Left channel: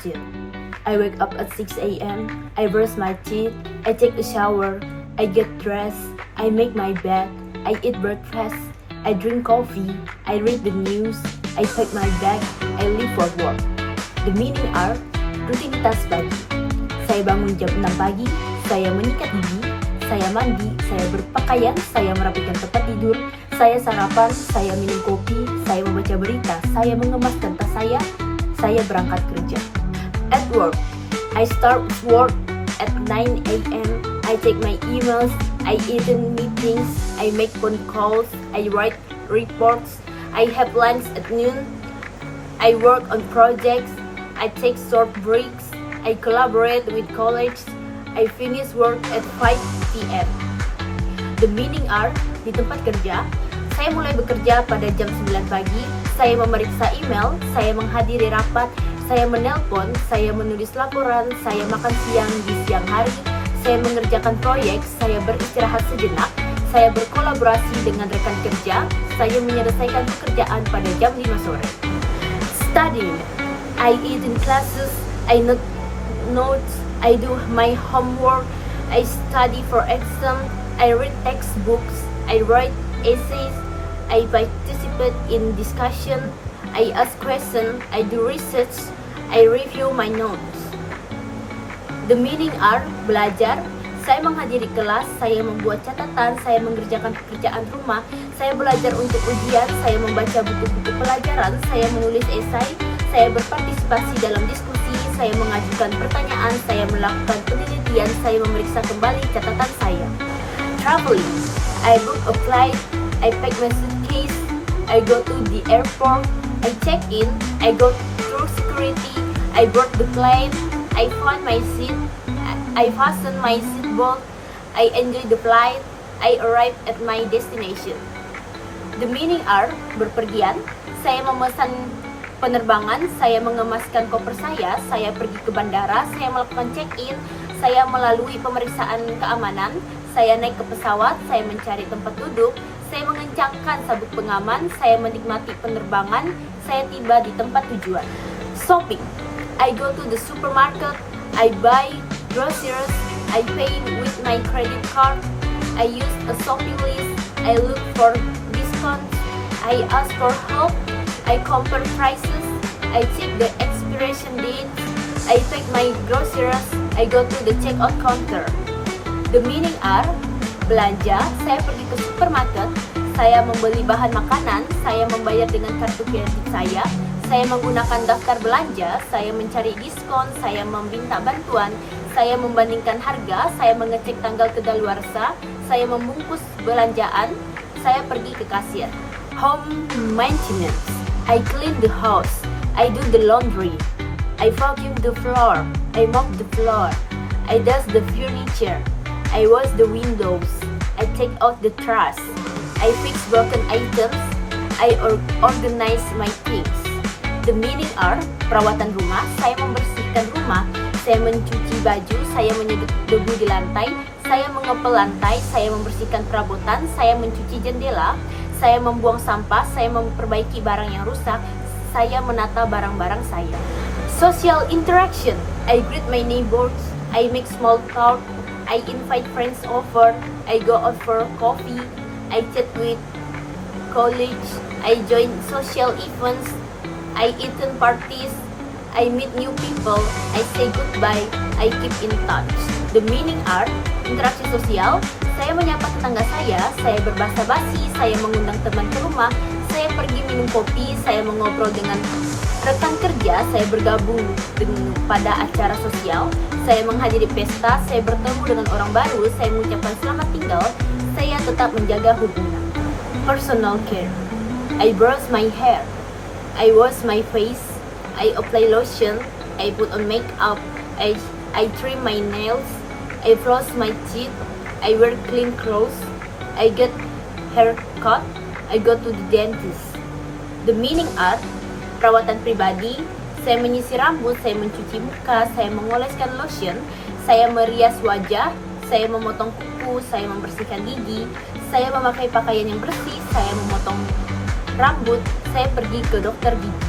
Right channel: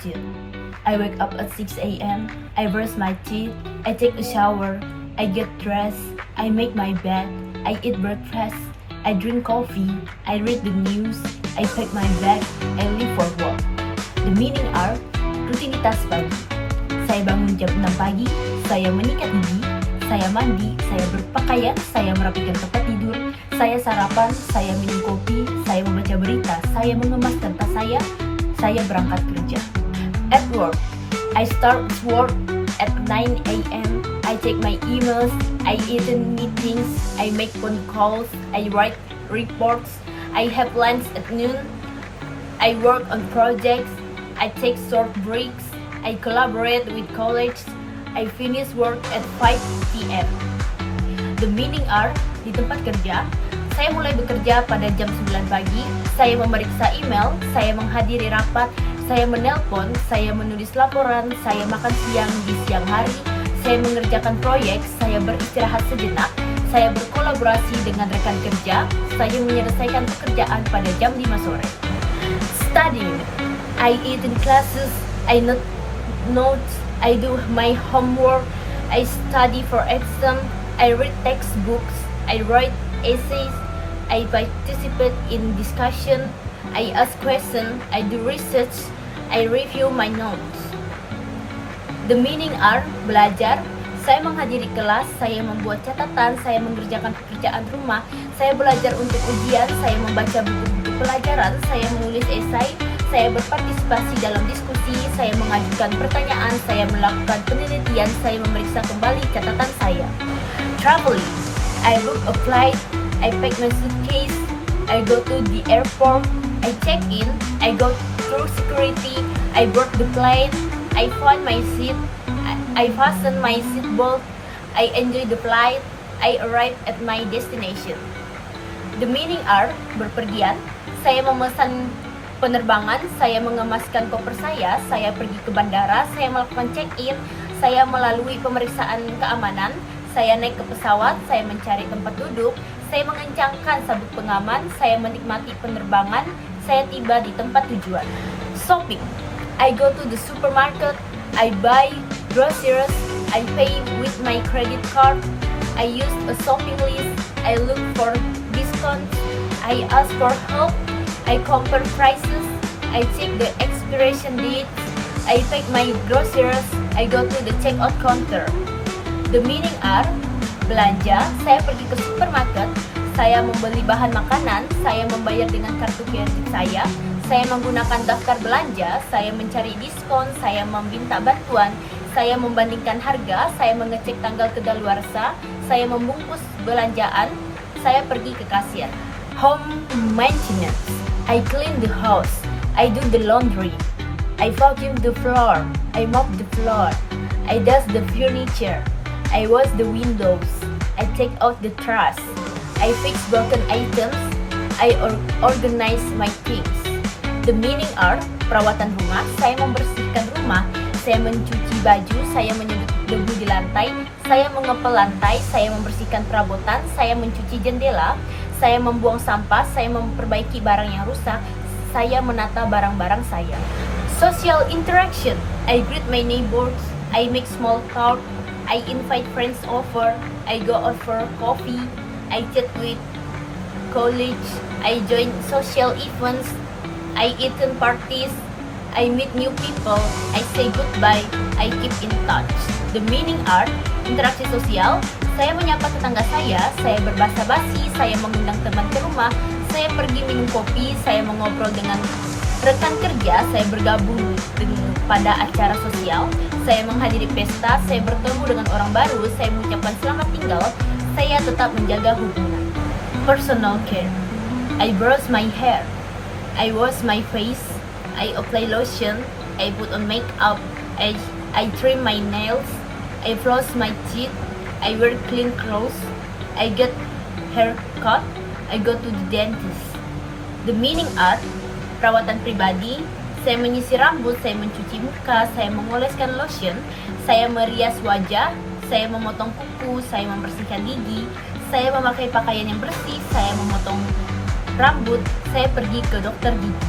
routine. I wake up at 6 a.m., I brush my teeth, I take a shower, I get dressed, I make my bed, I eat breakfast, I drink coffee, I read the news, I pack my bag, I leave for work. The meaning are rutinitas pagi. Saya bangun jam 6 pagi, saya menyikat gigi, saya mandi, saya berpakaian, saya merapikan tempat tidur, saya sarapan, saya minum kopi, saya membaca berita, saya mengemaskan tas saya berangkat kerja. At work, I start work at 9 a.m. I take my emails, I attend meetings, I make phone calls, I write reports, I have lunch at noon, I work on projects, I take short breaks, I collaborate with colleagues, I finish work at 5 p.m. The meaning are, di tempat kerja, saya mulai bekerja pada jam 9 pagi, saya memeriksa email, saya menghadiri rapat, saya menelpon, saya menulis laporan, saya makan siang di siang hari, saya mengerjakan proyek, saya beristirahat sejenak, saya berkolaborasi dengan rekan kerja, saya menyelesaikan pekerjaan pada jam 5 sore. Studying, I eat in classes, I note notes, I do my homework, I study for exam, I read textbooks, I write essays, I participate in discussion, I ask questions, I do research, I review my notes. The meaning are belajar, saya menghadiri kelas, saya membuat catatan, saya mengerjakan pekerjaan rumah, saya belajar untuk ujian, saya membaca buku-buku pelajaran, saya menulis esai, saya berpartisipasi dalam diskusi, saya mengajukan pertanyaan, saya melakukan penelitian, saya memeriksa kembali catatan saya. Traveling, I book a flight, I pack my suitcase, I go to the airport, I check in, I go through security, I board the plane, I find my seat, I fasten my seatbelt, I enjoy the flight, I arrive at my destination. The meaning are berpergian, saya memesan penerbangan, saya mengemaskan koper saya pergi ke bandara, saya melakukan check-in, saya melalui pemeriksaan keamanan, saya naik ke pesawat, saya mencari tempat duduk, saya mengencangkan sabuk pengaman, saya menikmati penerbangan, saya tiba di tempat tujuan. Shopping, I go to the supermarket, I buy groceries, I pay with my credit card, I use a shopping list, I look for discounts, I ask for help, I compare prices, I check the expiration date, I pack my groceries, I go to the checkout counter. The meaning are belanja, saya pergi ke supermarket, saya membeli bahan makanan, saya membayar dengan kartu kredit saya menggunakan daftar belanja, saya mencari diskon, saya meminta bantuan, saya membandingkan harga, saya mengecek tanggal kedaluarsa, saya membungkus belanjaan, saya pergi ke kasir. Home maintenance, I clean the house, I do the laundry, I vacuum the floor, I mop the floor, I dust the furniture, I wash the windows, I take out the trash, I fix broken items, I organize my things. The meaning are perawatan rumah, saya membersihkan rumah, saya mencuci baju, saya menyedot debu di lantai, saya mengepel lantai, saya membersihkan perabotan, saya mencuci jendela, saya membuang sampah, saya memperbaiki barang yang rusak, saya menata barang-barang saya. Social interaction, I greet my neighbors, I make small talk, I invite friends over, I go out for coffee, I chat with colleagues, I join social events, I attend parties, I meet new people, I say goodbye, I keep in touch. The meaning are interaksi sosial, saya menyapa tetangga saya berbahasa basi, saya mengundang teman ke rumah, saya pergi minum kopi, saya mengobrol dengan rekan kerja, saya bergabung pada acara sosial, saya menghadiri pesta, saya bertemu dengan orang baru, saya mengucapkan selamat tinggal, saya tetap menjaga hubungan. Personal care, I brush my hair, I wash my face, I apply lotion, I put on makeup, I trim my nails, I floss my teeth, I wear clean clothes, I get haircut, I go to the dentist. The meaning are perawatan pribadi, saya menyisir rambut, saya mencuci muka, saya mengoleskan lotion, saya merias wajah, saya memotong kuku, saya membersihkan gigi, saya memakai pakaian yang bersih, saya memotong rambut, saya pergi ke dokter gigi.